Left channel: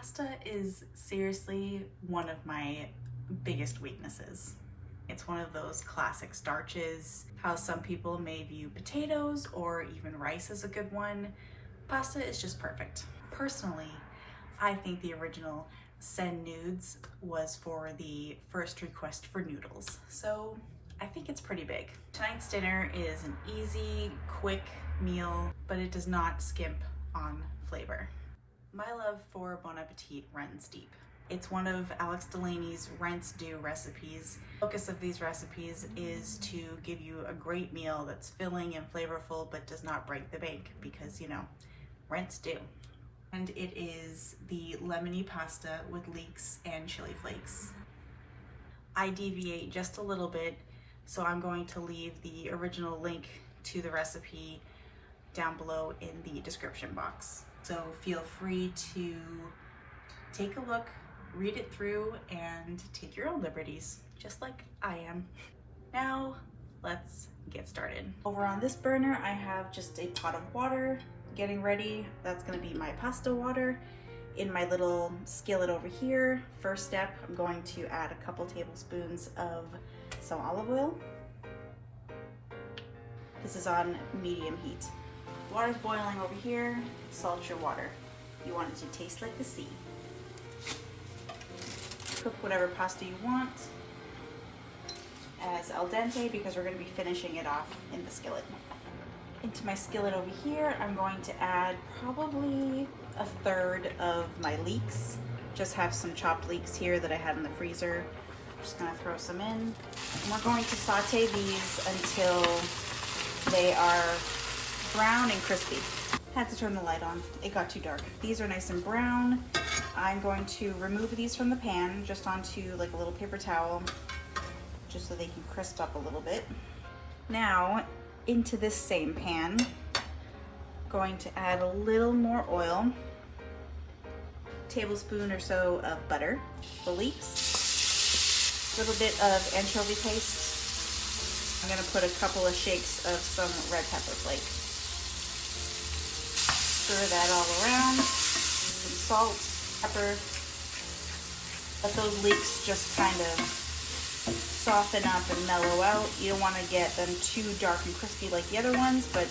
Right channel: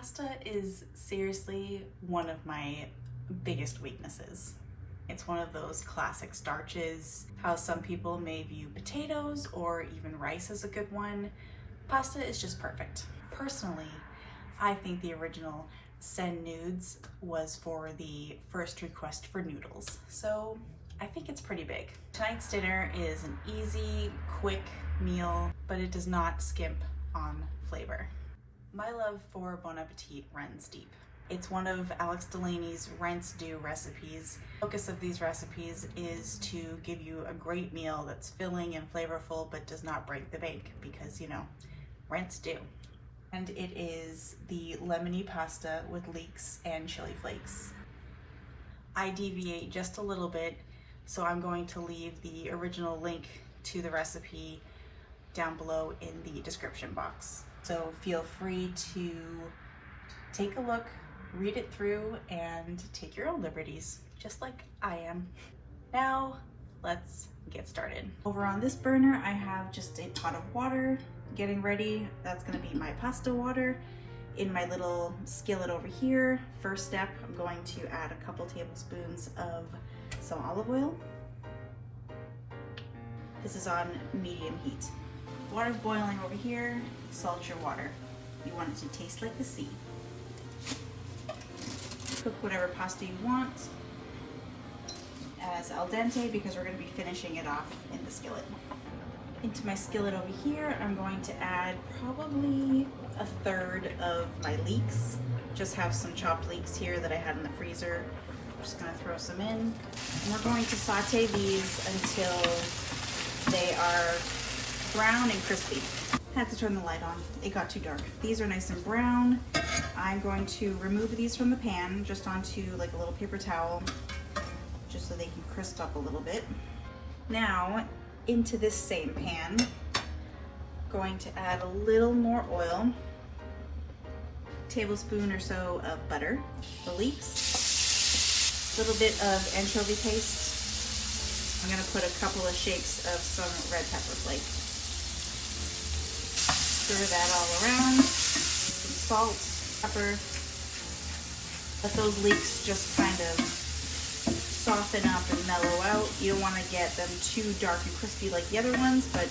Pasta is seriously one of my biggest weaknesses. It's one of those classic starches. How some people may view potatoes or even rice as a good one, pasta is just perfect. Personally, I think the original send nudes was for the first request for noodles, so I think it's pretty big. Tonight's dinner is an easy, quick meal, but it does not skimp on flavor. My love for Bon Appetit runs deep. It's one of Alex Delaney's rinse do recipes. The focus of these recipes is to give you a great meal that's filling and flavorful but does not break the bank because, you know, rinse do. And it is the Lemony pasta with leeks and chili flakes. I deviate just a little bit, so I'm going to leave the original link to the recipe down below in the description box. So feel free to take a look, read it through, and take your own liberties, just like I am. Now, let's get started. Over on this burner, I have just a pot of water getting ready. That's gonna be my pasta water. In my little skillet over here, first step, I'm going to add a couple tablespoons of some olive oil. This is on medium heat. Water's boiling over here, salt your water. You want it to taste like the sea. Cook whatever pasta you want as al dente because we're going to be finishing it off in the skillet. Into my skillet over here, I'm going to add probably a third of my leeks. Just have some chopped leeks here that I had in the freezer. I'm just going to throw some in. And we're going to saute these until they are brown and crispy. I had to turn the light on. It got too dark. These are nice and brown. I'm going to remove these from the pan just onto like a little paper towel just so they can crisp up a little bit. Now into this same pan, going to add a little more oil, tablespoon or so of butter, the leeks, a little bit of anchovy paste. I'm going to put a couple of shakes of some red pepper flakes. Stir that all around, some salt, pepper. Let those leeks just kind of soften up and mellow out. You don't want to get them too dark and crispy like the other ones, but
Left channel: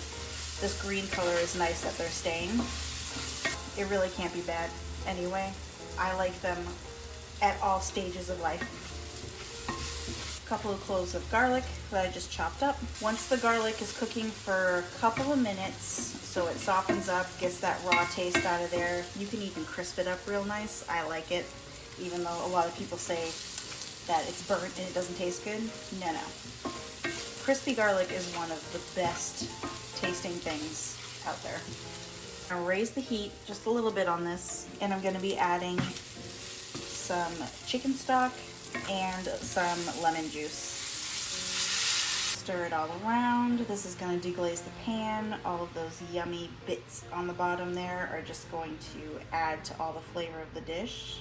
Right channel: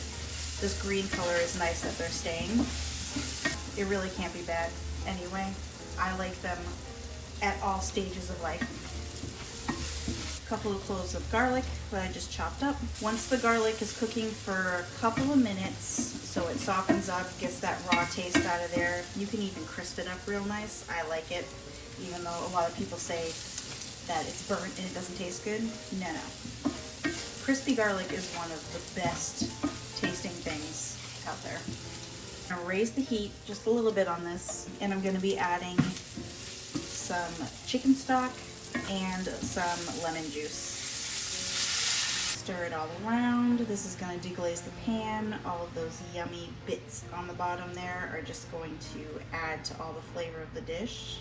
this green color is nice that they're staying. It really can't be bad anyway. I like them at all stages of life. A couple of cloves of garlic that I just chopped up. Once the garlic is cooking for a couple of minutes, so it softens up, gets that raw taste out of there. You can even crisp it up real nice. I like it, even though a lot of people say that it's burnt and it doesn't taste good. No, no. Crispy garlic is one of the best tasting things out there. I'm gonna raise the heat just a little bit on this, and I'm gonna be adding some chicken stock and some lemon juice. Stir it all around. This is going to deglaze the pan. All of those yummy bits on the bottom there are just going to add to all the flavor of the dish.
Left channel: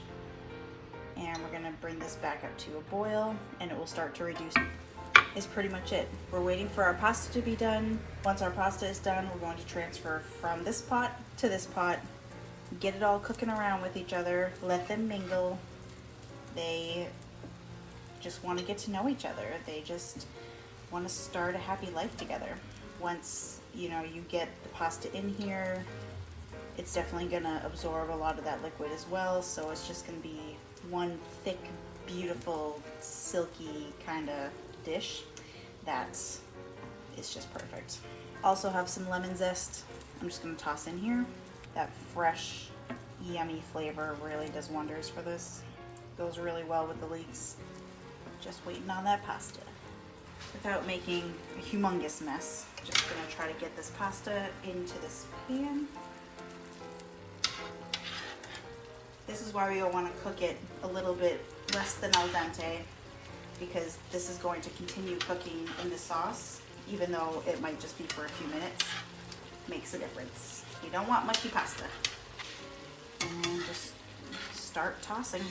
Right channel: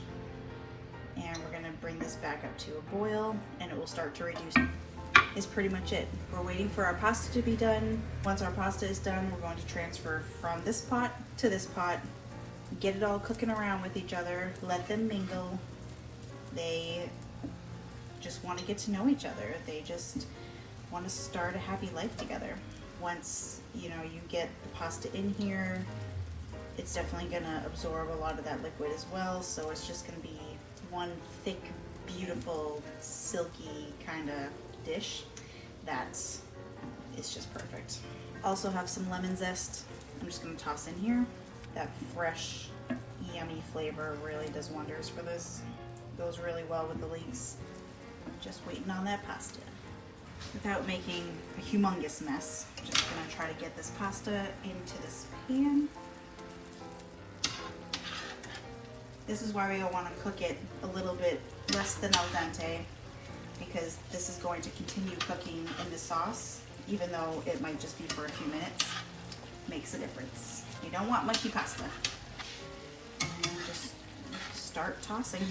And we're going to bring this back up to a boil and it will start to reduce. Is pretty much it. We're waiting for our pasta to be done. Once our pasta is done, we're going to transfer from this pot to this pot. Get it all cooking around with each other. Let them mingle. They just want to get to know each other. They just want to start a happy life together. Once you get the pasta in here, it's definitely gonna absorb a lot of that liquid as well, so it's just gonna be one thick, beautiful, silky kind of dish that is just perfect. Also have some lemon zest. I'm just gonna toss in here. That fresh, yummy flavor really does wonders for this. Goes really well with the leeks. Just waiting on that pasta. Without making a humongous mess, just gonna try to get this pasta into this pan. This is why we want to cook it a little bit less than al dente, because this is going to continue cooking in the sauce, even though it might just be for a few minutes. Makes a difference. You don't want mushy pasta. And just start tossing.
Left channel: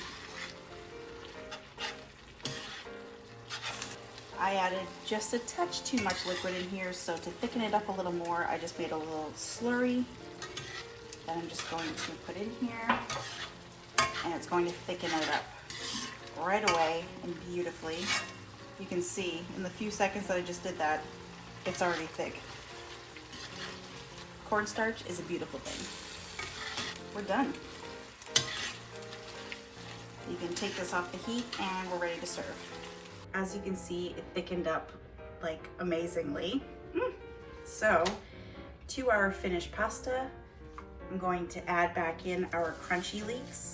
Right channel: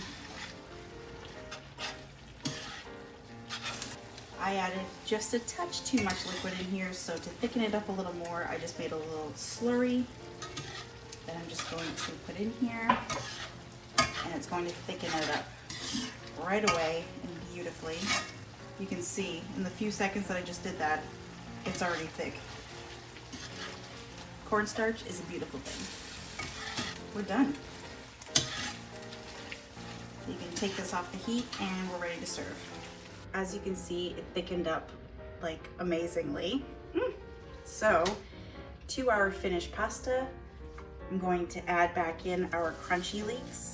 I added just a touch too much liquid in here, so to thicken it up a little more, I just made a little slurry that I'm just going to put in here. it's going to thicken it up right away and beautifully. You can see in the few seconds that I just did that, it's already thick. Cornstarch is a beautiful thing. We're done. You can take this off the heat and we're ready to serve. As you can see, it thickened up like amazingly. So to our finished pasta, I'm going to add back in our crunchy leeks.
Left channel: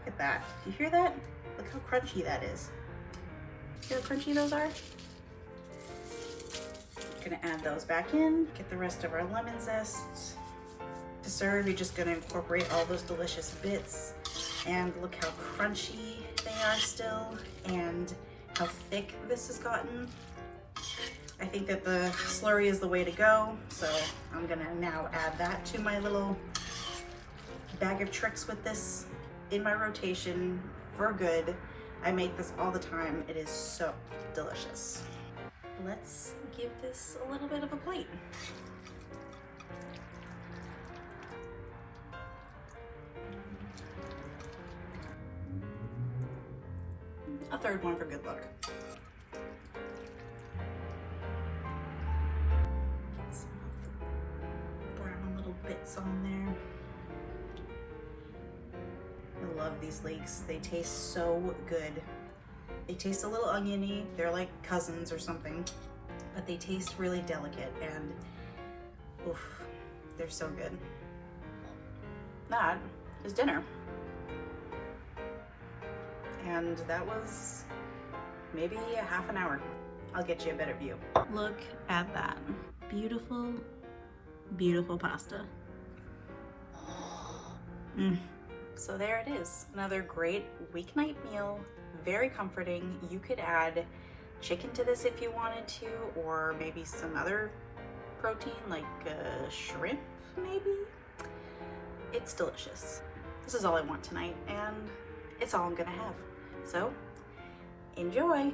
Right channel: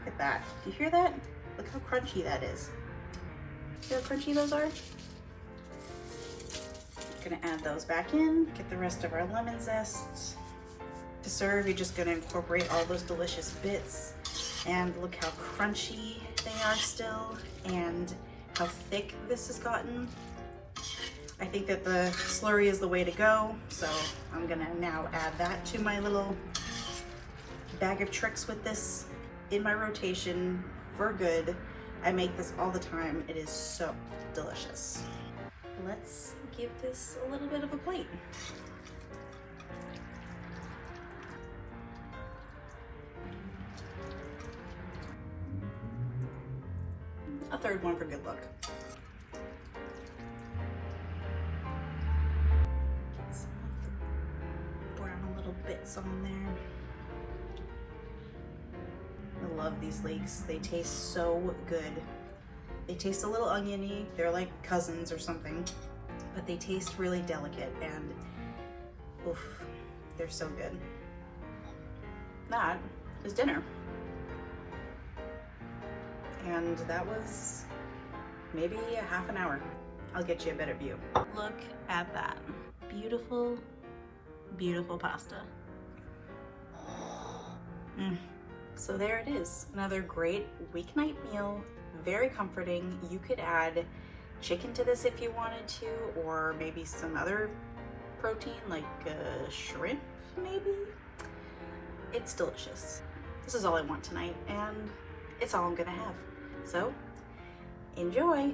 Look at that. Do you hear that? Look how crunchy that is. See how crunchy those are? Gonna add those back in, get the rest of our lemon zest. To serve, you're just gonna incorporate all those delicious bits, and look how crunchy they are still and how thick this has gotten. I think that the slurry is the way to go, so I'm gonna now add that to my little bag of tricks with this in my rotation for good. I make this all the time. It is so delicious. Let's give this a little bit of a plate. A third one for good luck. Get some of the brown little bits on there. I love these leeks. They taste so good. They taste a little oniony. They're like cousins or something, but they taste really delicate and oof, they're so good. That is dinner. And that was maybe a half an hour. I'll get you a better view. Look at that. Beautiful, beautiful pasta. So there it is. Another great weeknight meal. Very comforting. You could add chicken to this if you wanted to, or maybe some other protein like shrimp, maybe. It's delicious. This is all I want tonight, and it's all I'm gonna have. So, enjoy!